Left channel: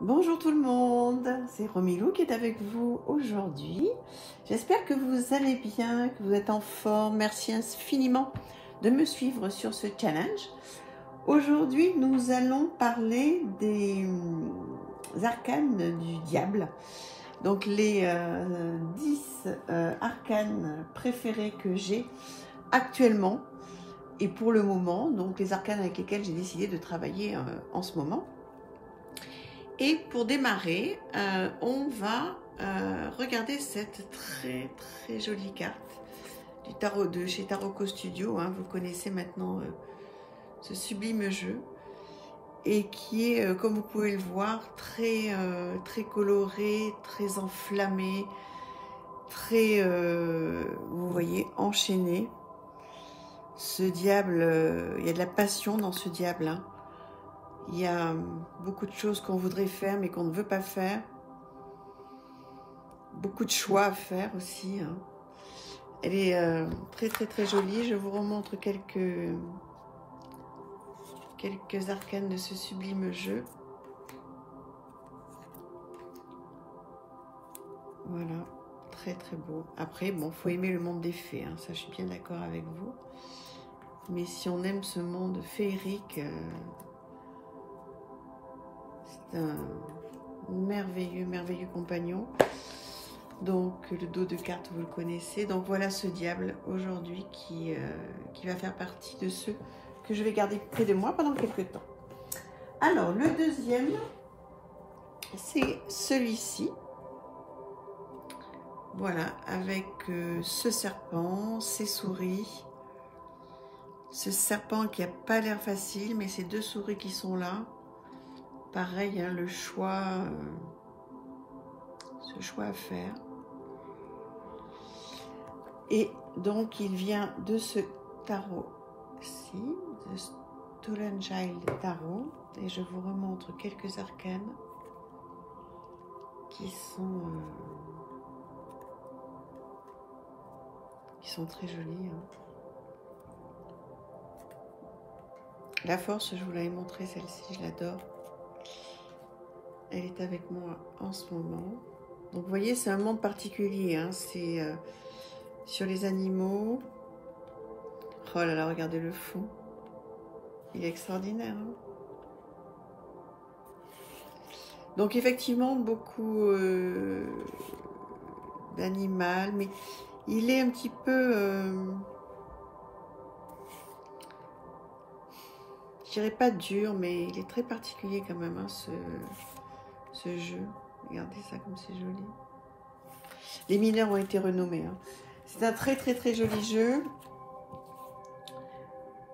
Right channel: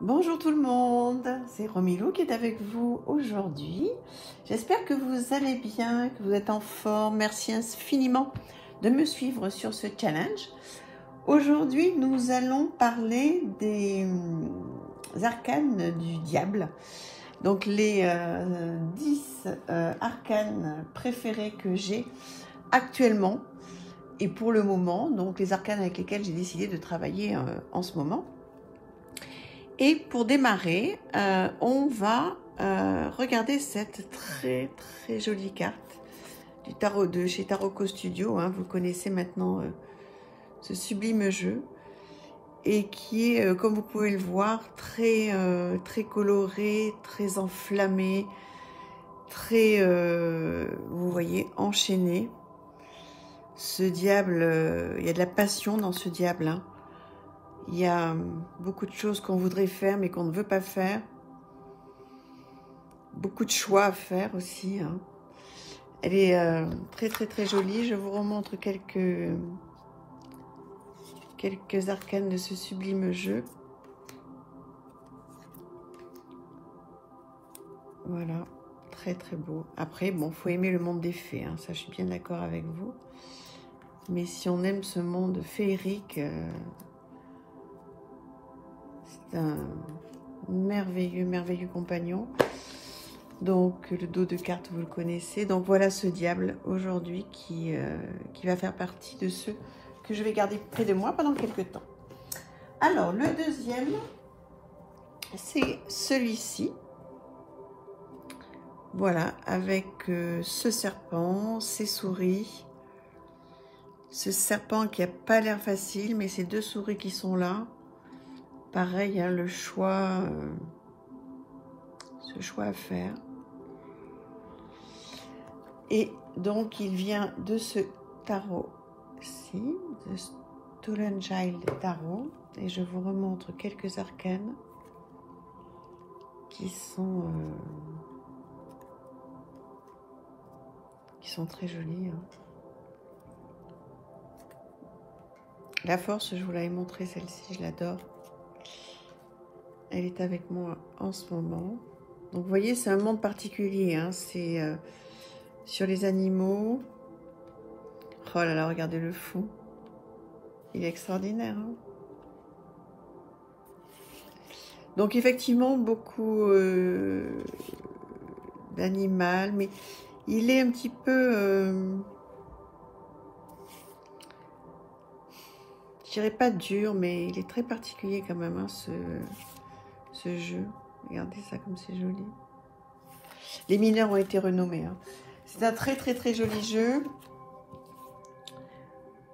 Bonjour tout le monde, c'est Romilou qui est avec vous aujourd'hui. J'espère que vous allez bien, que vous êtes en forme. Merci infiniment de me suivre sur ce challenge. Aujourd'hui, nous allons parler des arcanes du diable. Donc les 10 arcanes préférées que j'ai actuellement et pour le moment. Donc les arcanes avec lesquelles j'ai décidé de travailler en ce moment. Et pour démarrer, on va regarder cette très jolie carte du tarot de chez Tarot Studio. Hein, vous connaissez maintenant ce sublime jeu et qui est, comme vous pouvez le voir, très coloré, très enflammé, très, vous voyez, enchaîné. Ce diable, il y a de la passion dans ce diable. Hein. Il y a beaucoup de choses qu'on voudrait faire mais qu'on ne veut pas faire. Beaucoup de choix à faire aussi. Hein. Elle est très jolie. Je vous remontre quelques arcanes de ce sublime jeu. Voilà, très beau. Après, bon, faut aimer le monde des fées. Hein. Ça, je suis bien d'accord avec vous. Mais si on aime ce monde féerique... un merveilleux compagnon. Donc le dos de carte, vous le connaissez. Donc voilà ce diable aujourd'hui qui va faire partie de ceux que je vais garder près de moi pendant quelques temps. Alors le deuxième, c'est celui-ci. Voilà, avec ce serpent, ces souris. Ce serpent qui n'a pas l'air facile, mais ces deux souris qui sont là. Pareil, hein, ce choix à faire. Et donc, il vient de ce tarot-ci, de Stolen Child Tarot. Et je vous remontre quelques arcanes qui sont très jolies. Hein. La force, je vous l'avais montré celle-ci, je l'adore. Elle est avec moi en ce moment. Donc vous voyez, c'est un monde particulier. Hein. C'est sur les animaux. Oh là là, regardez le fou. Il est extraordinaire. Hein. Donc effectivement, beaucoup d'animal. Mais il est un petit peu... je dirais pas dur, mais il est très particulier quand même, hein, ce jeu. Regardez ça comme c'est joli. Les mineurs ont été renommés. Hein. C'est un très joli jeu.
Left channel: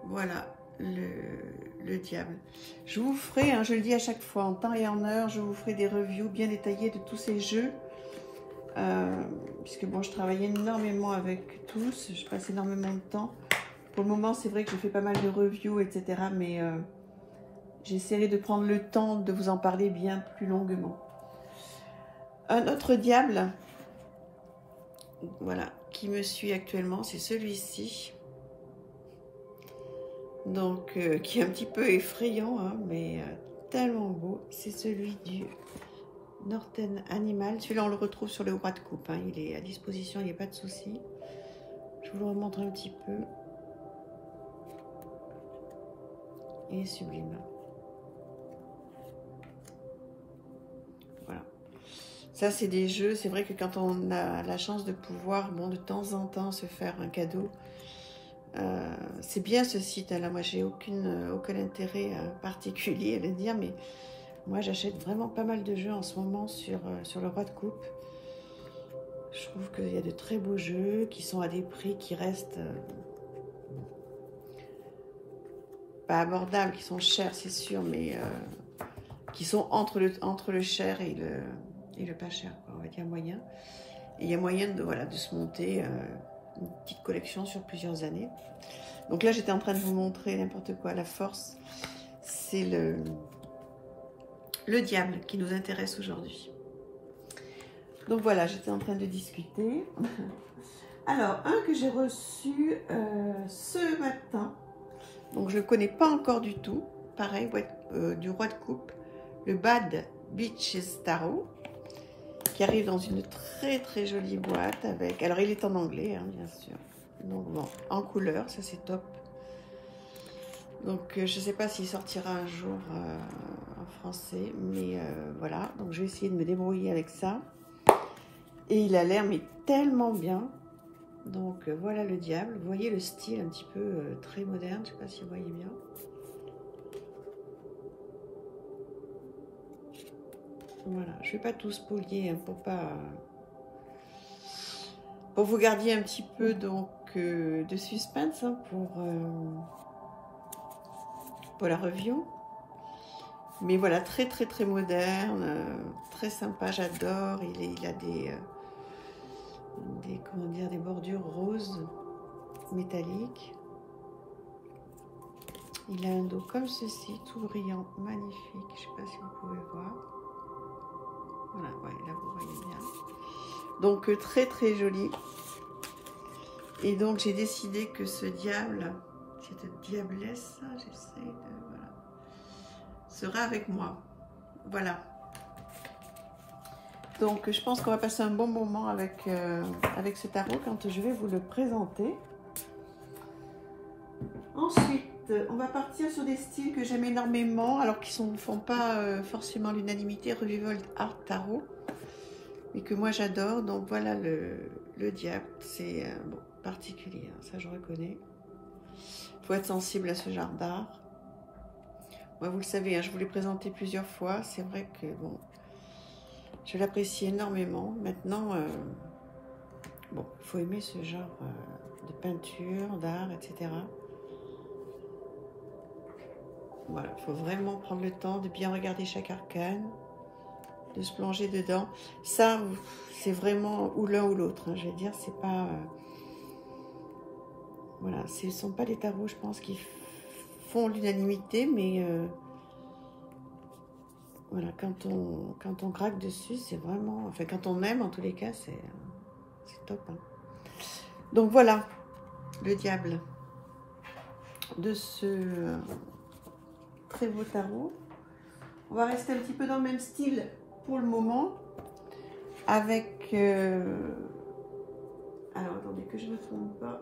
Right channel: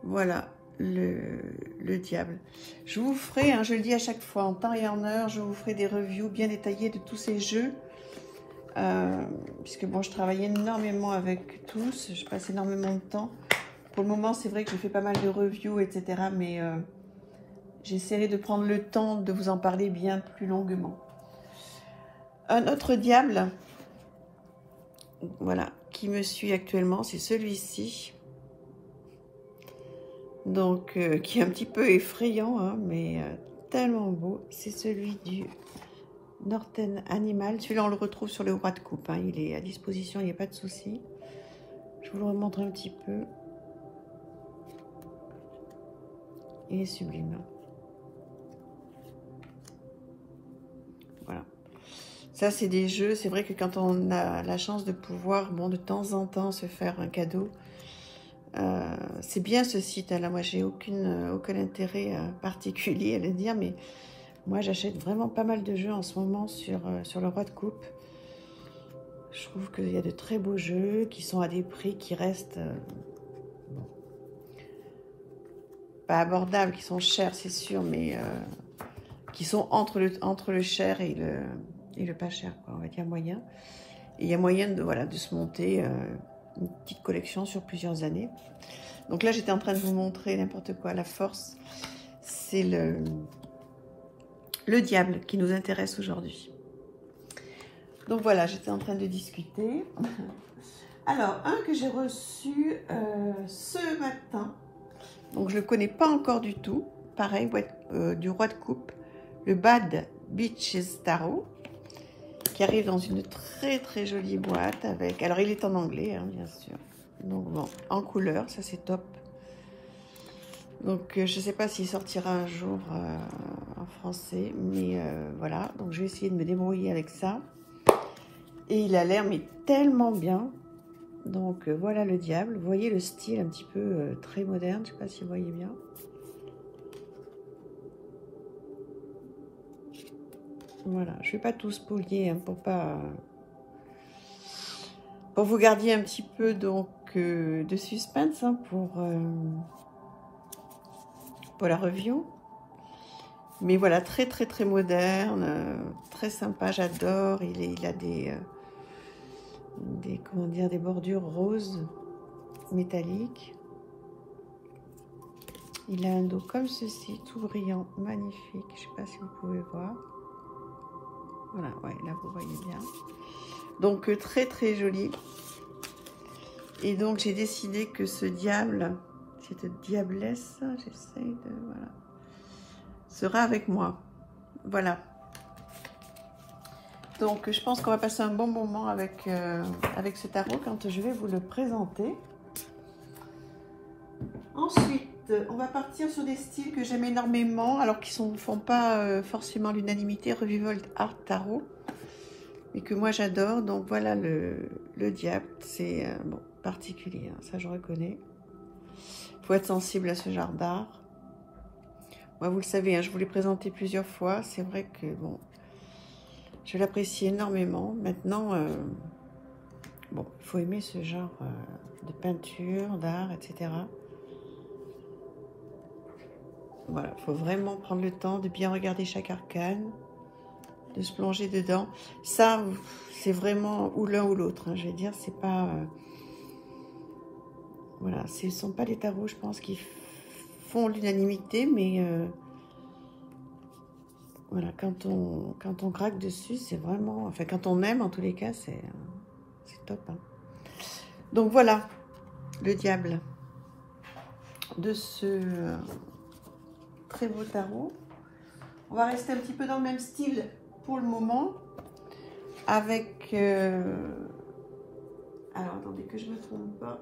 Voilà le diable. Je vous ferai, hein, je le dis à chaque fois, en temps et en heure, je vous ferai des reviews bien détaillées de tous ces jeux. Puisque bon, je travaille énormément avec tous, je passe énormément de temps. Pour le moment, c'est vrai que je fais pas mal de reviews, etc. Mais j'essaierai de prendre le temps de vous en parler bien plus longuement. Un autre diable, voilà, qui me suit actuellement, c'est celui-ci. Donc, qui est un petit peu effrayant, hein, mais tellement beau. C'est celui du Northern Animal. Celui-là, on le retrouve sur le roi de coupe. Hein. Il est à disposition, il n'y a pas de souci. Je vous le remontre un petit peu. Il est sublime. Voilà. Ça, c'est des jeux. C'est vrai que quand on a la chance de pouvoir, bon, de temps en temps, se faire un cadeau, c'est bien ce site. Là, moi, j'ai aucun intérêt particulier à le dire, mais moi, j'achète vraiment pas mal de jeux en ce moment sur le roi de coupe. Je trouve qu'il y a de très beaux jeux qui sont à des prix qui restent... pas abordables, qui sont chers, c'est sûr, mais qui sont entre le cher et le pas cher, quoi, on va dire moyen. Et il y a moyen de, voilà, de se monter une petite collection sur plusieurs années. Donc là, j'étais en train de vous montrer n'importe quoi. La force, c'est le diable qui nous intéresse aujourd'hui. Donc voilà, j'étais en train de discuter. Alors, un que j'ai reçu ce matin. Donc je ne le connais pas encore du tout. Pareil, du roi de coupe. Le Bad Beaches Tarot, qui arrive dans une très jolie boîte avec... Alors il est en anglais, hein, bien sûr. Donc bon, en couleur, ça c'est top. Donc je ne sais pas s'il sortira un jour en français, mais voilà. Donc je vais essayer de me débrouiller avec ça. Et il a l'air mais tellement bien. Donc voilà le diable. Vous voyez le style un petit peu très moderne. Je ne sais pas si vous voyez bien. Voilà, je ne vais pas tout spolier hein, pour vous garder un petit peu donc de suspense hein, pour la review. Mais voilà, très moderne, très sympa, j'adore. Il a comment dire, des bordures roses métalliques. Il a un dos comme ceci, tout brillant, magnifique. Je ne sais pas si vous pouvez voir. Voilà, ouais, là vous voyez bien. Donc très joli. Et donc j'ai décidé que ce diable, cette diablesse, j'essaie de... Voilà. Sera avec moi. Voilà. Donc je pense qu'on va passer un bon moment avec ce tarot quand je vais vous le présenter. Ensuite, on va partir sur des styles que j'aime énormément, alors qui ne font pas forcément l'unanimité, Revival Art Tarot, mais que moi j'adore. Donc voilà le diable, c'est bon, particulier, hein, ça je reconnais. Il faut être sensible à ce genre d'art. Moi, vous le savez, hein, je vous l'ai présenté plusieurs fois. C'est vrai que bon, je l'apprécie énormément. Maintenant, bon, il faut aimer ce genre de peinture, d'art, etc. Voilà, il faut vraiment prendre le temps de bien regarder chaque arcane, de se plonger dedans. Ça, c'est vraiment ou l'un ou l'autre. Hein, je vais dire, c'est pas... voilà, ce ne sont pas les tarots, je pense, qui font l'unanimité, mais... voilà, quand on craque dessus, c'est vraiment... Enfin, quand on aime, en tous les cas, c'est top. Hein. Donc voilà, le diable de ce très beau tarot. On va rester un petit peu dans le même style pour le moment, avec... alors, attendez que je ne me trompe pas.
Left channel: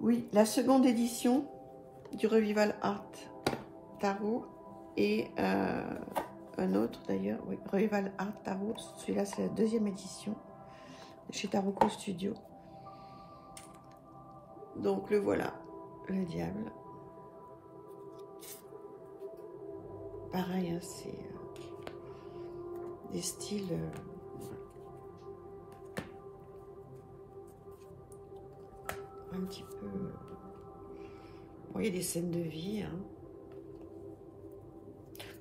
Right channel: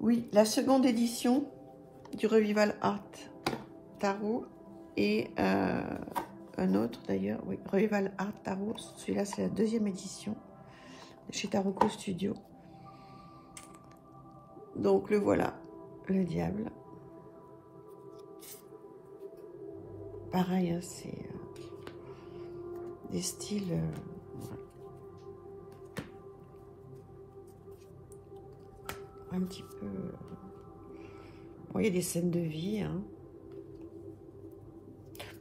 Oui, la seconde édition du Revival Art Tarot. Et un autre d'ailleurs, oui, Revival Art Tarot, celui-là c'est la deuxième édition chez Tarot Studio. Donc le voilà, le diable. Pareil, hein, c'est des styles un petit peu... Vous voyez, des scènes de vie, hein.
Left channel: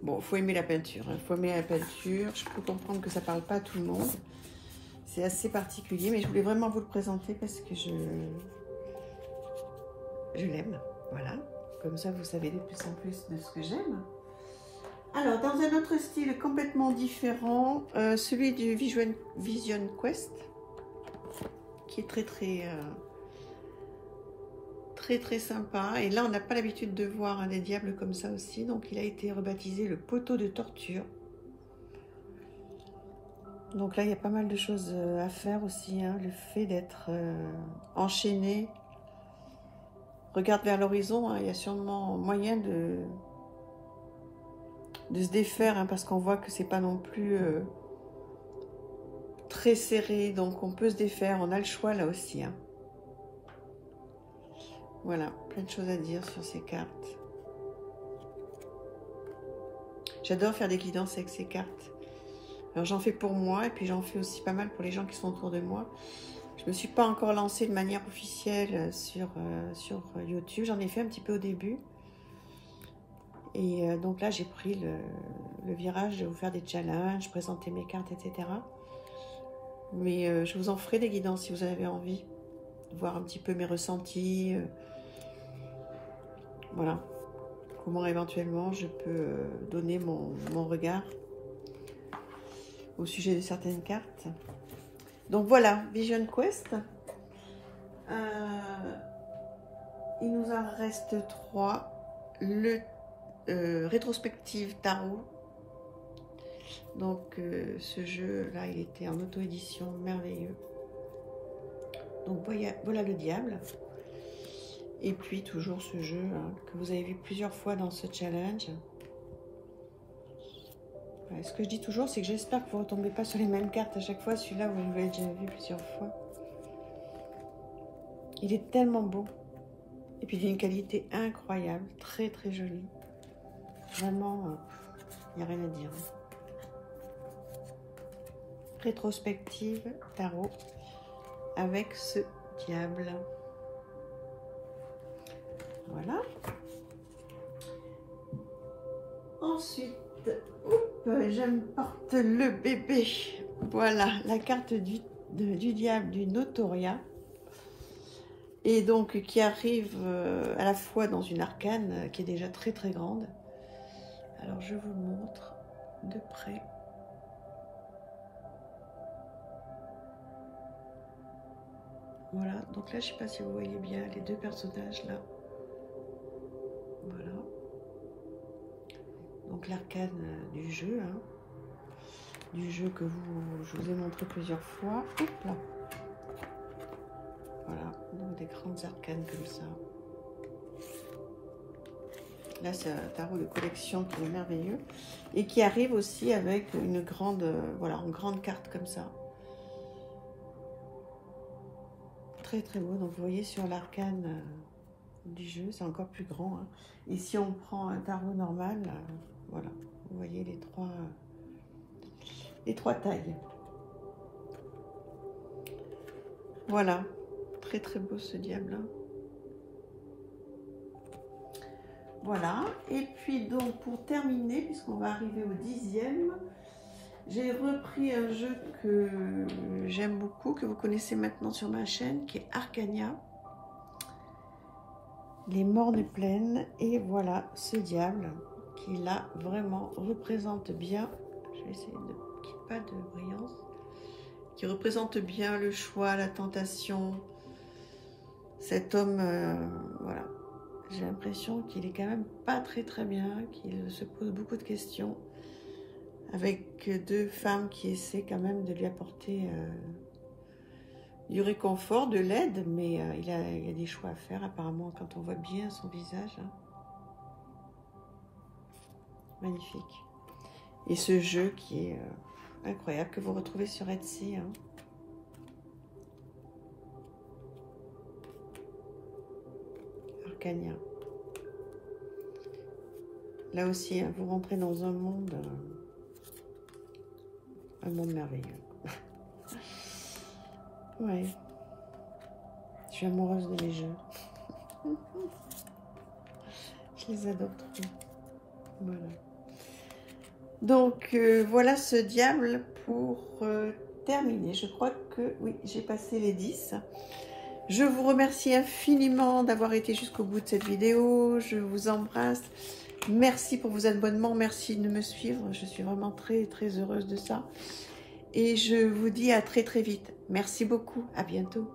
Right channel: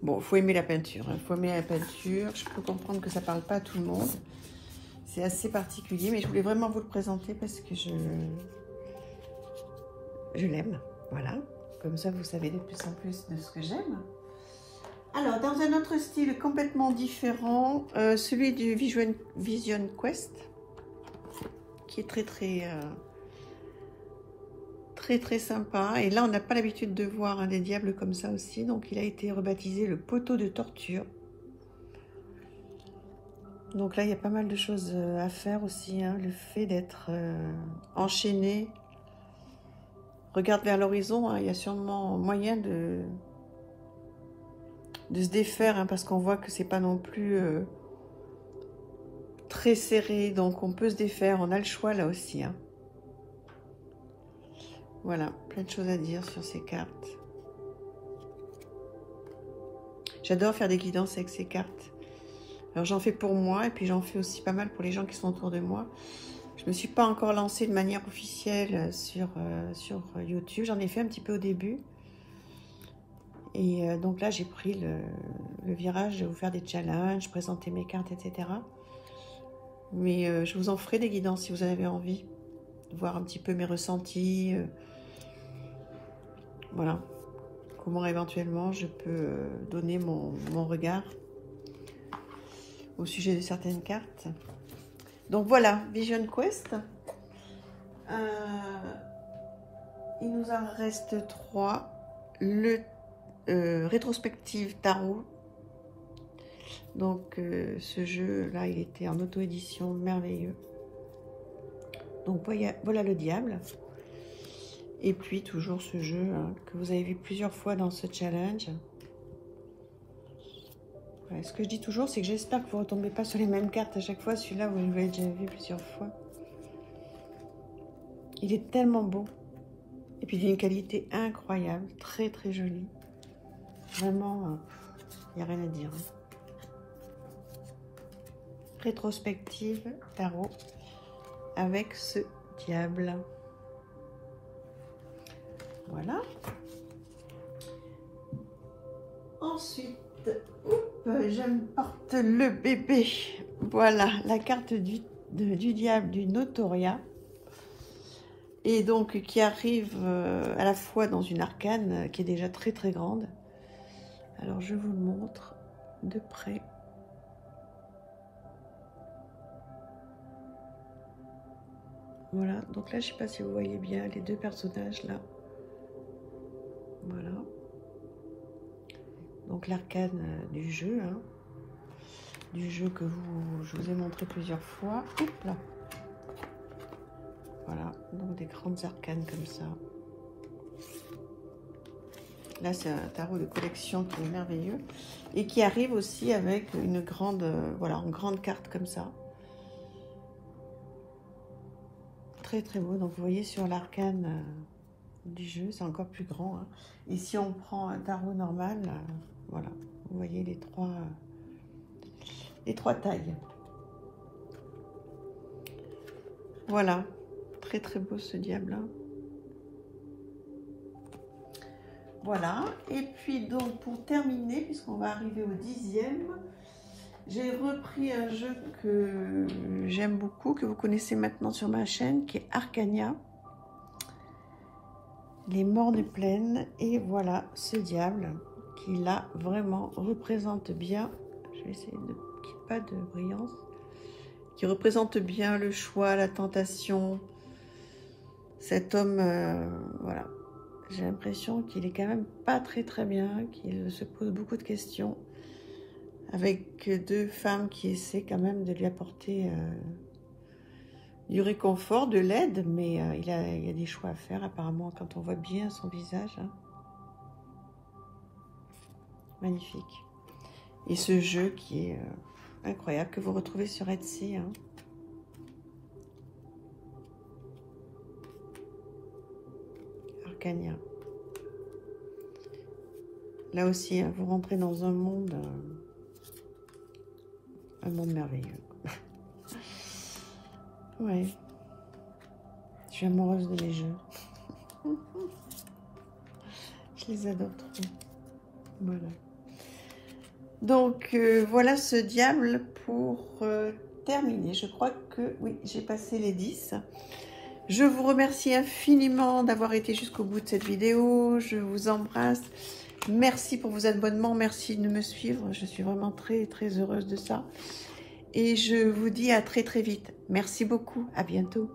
Bon, il faut aimer la peinture. Il faut aimer la peinture. Je peux comprendre que ça ne parle pas à tout le monde. C'est assez particulier, mais je voulais vraiment vous le présenter parce que je l'aime. Voilà. Comme ça, vous savez de plus en plus de ce que j'aime. Alors, dans un autre style complètement différent, celui du Vision Quest, qui est très sympa. Et là, on n'a pas l'habitude de voir des diables comme ça aussi. Donc, il a été rebaptisé le poteau de torture. Donc là, il y a pas mal de choses à faire aussi. Hein. Le fait d'être enchaîné. Regarde vers l'horizon. Hein. Il y a sûrement moyen de se défaire. Hein, parce qu'on voit que c'est pas non plus très serré. Donc, on peut se défaire. On a le choix là aussi. Hein. Voilà, plein de choses à dire sur ces cartes. J'adore faire des guidances avec ces cartes. Alors j'en fais pour moi et puis j'en fais aussi pas mal pour les gens qui sont autour de moi. Je ne me suis pas encore lancée de manière officielle sur YouTube. J'en ai fait un petit peu au début. Et donc là, j'ai pris le virage de vous faire des challenges, présenter mes cartes, etc. Mais je vous en ferai des guidances si vous en avez envie. Voir un petit peu mes ressentis. Voilà, comment éventuellement je peux donner mon regard au sujet de certaines cartes. Donc voilà, Vision Quest. Il nous en reste 3. Le rétrospective tarot Donc ce jeu là, il était en auto-édition, merveilleux. Donc voilà le diable. Et puis toujours ce jeu que vous avez vu plusieurs fois dans ce challenge. Ce que je dis toujours, c'est que j'espère que vous ne retombez pas sur les mêmes cartes à chaque fois. Celui-là, vous l'avez déjà vu plusieurs fois. Il est tellement beau. Et puis, il a une qualité incroyable. Très, très jolie. Vraiment, il n'y a rien à dire. Rétrospective tarot avec ce diable. Voilà. Ensuite, je porte le bébé. Voilà, la carte du diable du Notoria. Et donc, qui arrive à la fois dans une arcane qui est déjà très très grande. Alors, je vous le montre de près. Voilà, donc là, je ne sais pas si vous voyez bien les deux personnages là. Voilà. Donc l'arcane du jeu, du jeu que je vous ai montré plusieurs fois. Hop là. Voilà, donc des grandes arcanes comme ça. Là, c'est un tarot de collection qui est merveilleux et qui arrive aussi avec une grande, voilà, une grande carte comme ça. Très très beau. Donc vous voyez sur l'arcane du jeu, c'est encore plus grand. Et si on prend un tarot normal, voilà, vous voyez les trois tailles. Voilà, très très beau ce diable-là. Voilà, et puis donc pour terminer, puisqu'on va arriver au 10e, j'ai repris un jeu que j'aime beaucoup, que vous connaissez maintenant sur ma chaîne, qui est Arcania. Les morts des plaines, et voilà ce diable qui là vraiment représente bien, je vais essayer de qu'il n'y ait pas de brillance, qui représente bien le choix, la tentation. Cet homme, voilà, j'ai l'impression qu'il est quand même pas très très bien, qu'il se pose beaucoup de questions, avec deux femmes qui essaient quand même de lui apporter du réconfort, de l'aide, mais il y a des choix à faire apparemment quand on voit bien son visage. Magnifique. Et ce jeu qui est incroyable, que vous retrouvez sur Etsy. Arcania. Là aussi, vous rentrez dans un monde merveilleux. Oui. Je suis amoureuse de mes jeux. Je les adore trop. Voilà. Donc, voilà ce diable pour terminer. Je crois que, oui, j'ai passé les 10. Je vous remercie infiniment d'avoir été jusqu'au bout de cette vidéo. Je vous embrasse. Merci pour vos abonnements. Merci de me suivre. Je suis vraiment très, très heureuse de ça. Et je vous dis à très, très vite. Merci beaucoup. À bientôt.